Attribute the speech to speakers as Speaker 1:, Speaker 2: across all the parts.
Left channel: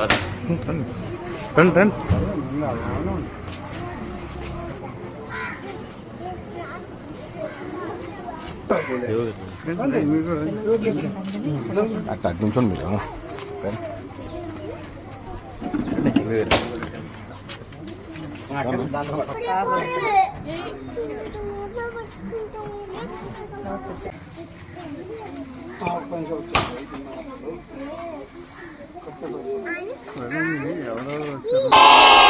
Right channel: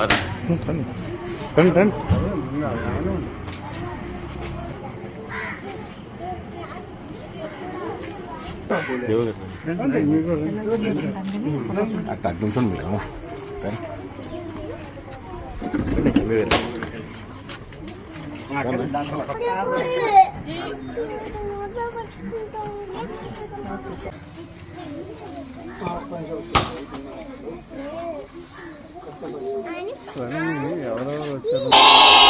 Speaker 1: సరే
Speaker 2: రండి రండి అట్లా అటు నుంచి మీరు
Speaker 3: 아니. 아니.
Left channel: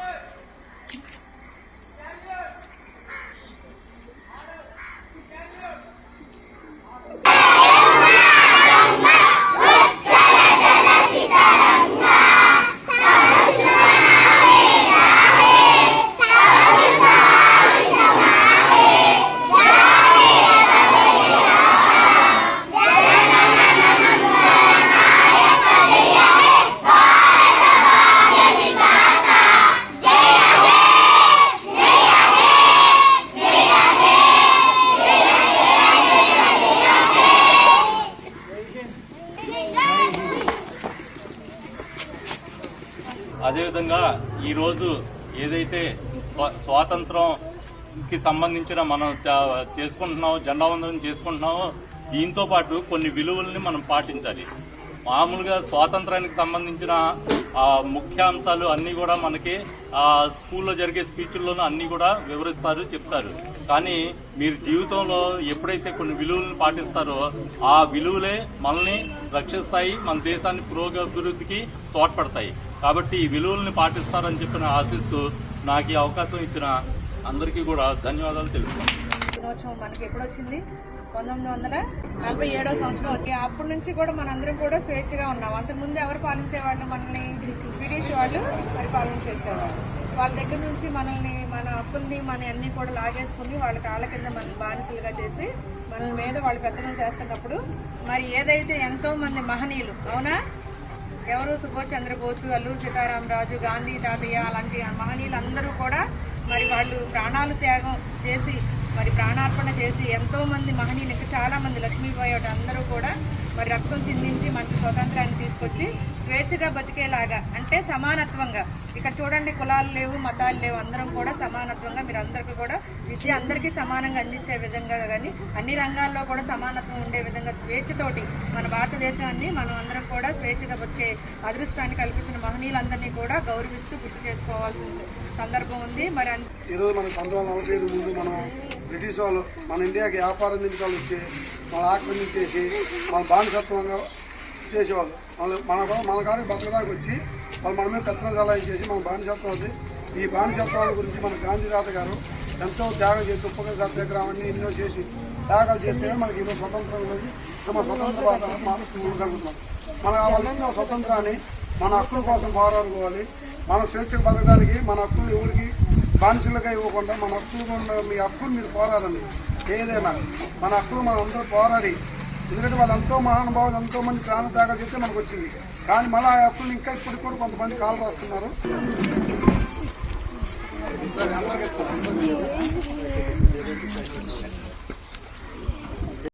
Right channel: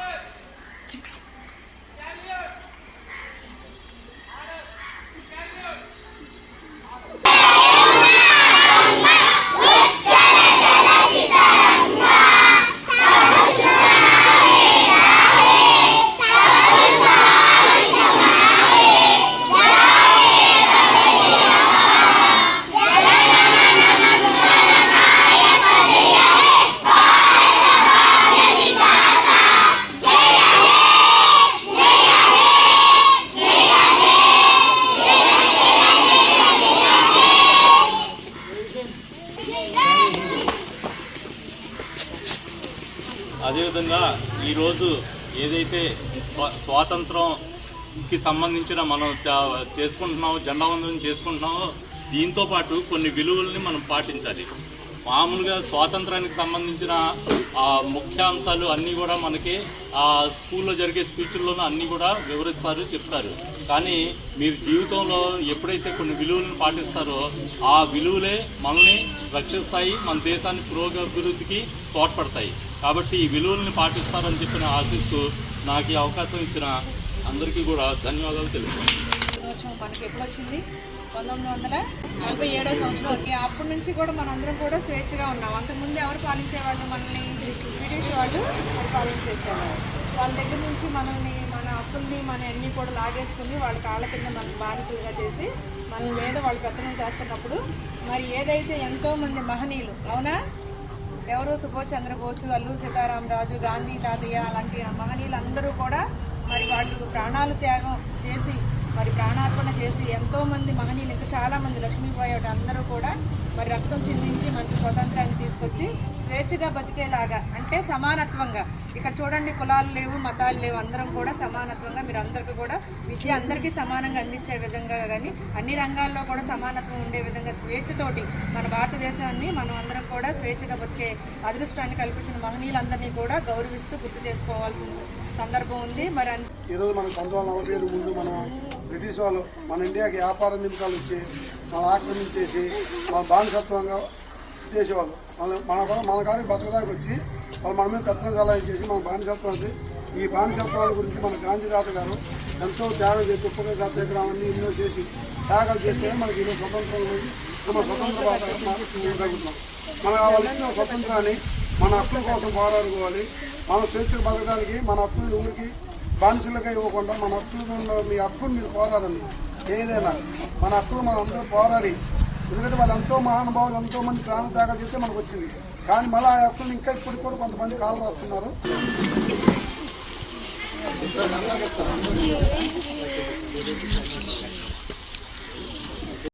Speaker 1: అదేవిధంగా ఈరోజు ఏదైతే స్వాతంత్రంకి సంబంధించిన మనం చేసుకుంటున్నామో జెండా వందనం చేసుకుంటున్నామో దీంతో పాటు కొన్ని విలువల్ని మనం పాటించాలి. మామూలుగా స్వాతంత్రానికి సంబంధించిన ముఖ్యాంశాలు ముఖ్య అంశాలు అన్నీ కూడా మనకి ఆ, స్కూల్లో జరిగే స్పీచ్ల్లోనూ అన్నీ కూడా వివరిస్తారు చెప్తారు. కానీ మీరు జీవితంలో ఎప్పుడైతే కొన్ని విలువలను పాటిస్తారో ఆ విలువలే మనల్ని రక్షిస్తాయి మన దేశాన్ని పురోగభివృద్ధికి తోడ్పడతాయి. కాబట్టి ఈ విలువల్ని పాటిస్తారని చెప్పిన ఆశిస్తూ నాకు ఈ అవకాశం ఇచ్చిన అందరికీ కూడా ధన్యవాదాలు తెలుపుతాను.
Speaker 4: మనకి ఎప్పుడు వచ్చింది పంతొమ్మిది వందల నలభై ఏడో సంవత్సరం. వచ్చి అప్పటి నుంచి కూడా మనందరం కూడా స్వేచ్ఛగా ఉన్నాం. అంతకుముందు ఎవరు పాలించేవాళ్ళు మనల్ని బ్రిటిష్ వాళ్ళు పరిపాలన వాళ్ళ దగ్గర నుంచి మనల్ని మన హక్కుల్ని మన అన్ని కూడా లాగేసుకుని వాళ్ళ కాళ్ళ కింద మన బానిసలుగా చేసి మన మీద వాళ్ళు పెత్తనం చేస్తున్నప్పుడు మరి ఏదైతే ఎంతో మంది మహనీయులు అవునా? ఎవరు? సుభాష్ చంద్రబోసు అల్లూరు సీతారామరాజు గాంధీ తాతయ్య అలాంటి మహనీయులు అందరూ కూడా మరి వాళ్ళు ప్రాణాలు త్యాగం చేసి మరి ప్రాణార్పణ చేసి ఎంతో మంది మహనీయులు ఇంకా చాలా మంది లక్ష్మీబాయి అందరూ కూడా మరి రక్తం చిందించి మనకి స్వతంత్రాన్ని తీసుకొచ్చి స్వేచ్ఛగా బతికేలాగా అంటే సమానత్వంగా. ఇక్కడ చూడండి కులాలు లేవు మతాలు లేవు అందరం కూడా సమానత్వంగా మీరు అందరికీ కూడా విద్య అందరికీ సమానంగా అందించే విధంగా కానీ అన్ని రంగాల్లో కూడా సమానత్వం ఉండే విధంగా స్వేచ్ఛతోటి మన భారతదేశాన్ని మనం అందరం కూడా స్వేచ్ఛగా బతికే అదృష్టాన్ని కల్పించిన మహనీయులందరినీ కూడా గౌరవిస్తూ గుర్తు చేసుకోవాల్సిన సందర్భం ఉంది. మరి
Speaker 5: ఈరోజు మనకు పంతొమ్మిది వందల నలభై ఏడు ముందు మనం బ్రిటిష్ వాళ్ళు మన ఇండియాకి వ్యాపార నిమిషాలు వచ్చి మనం ఆక్రమించేసి మన బానిసత్వంగా చేసేవాళ్ళు మన మన మన కాడికి బతకదాకా వచ్చి వాళ్ళు మన మీద కత్తిన సలహా చేసి మన బానిసత్వం అది ఈ బానిసత్వాల గురించి మన గాంధీ తాత గారు ఎంతో త్యాగం చేసి ఉప్పగా సత్యాగ్రహం అన్ని ఎన్నో చేసి త్యాగాలు చేస్తే మనకి ఈరోజు స్వతంత్రం లేదు మన స్వతంత్ర భాష మనం మన కావాల్సిన స్వతంత్రాన్ని మన హక్కుల కోసం పోరాడుకోవాలి మనం స్వేచ్ఛకు బతకడానికి మన హక్కులు ఎవరికి బానిసలుగా ఇవ్వకుండా మన హక్కులు మీ హక్కులు మీరు పోరాడండి. ఏదైనా మన హక్కులు మనం అందరూ పోరాడి ఎందుకంటే వాళ్ళు ఎంతో మహానుభావులు ఎంతో మంది ప్రాణ త్యాగాలు చేస్తే మనకు వచ్చింది. కానీ మళ్ళీ ఆ హక్కులు ఇంకా ఇప్పుడు కూడా కొంతమంది కాలు రాస్తున్నారు.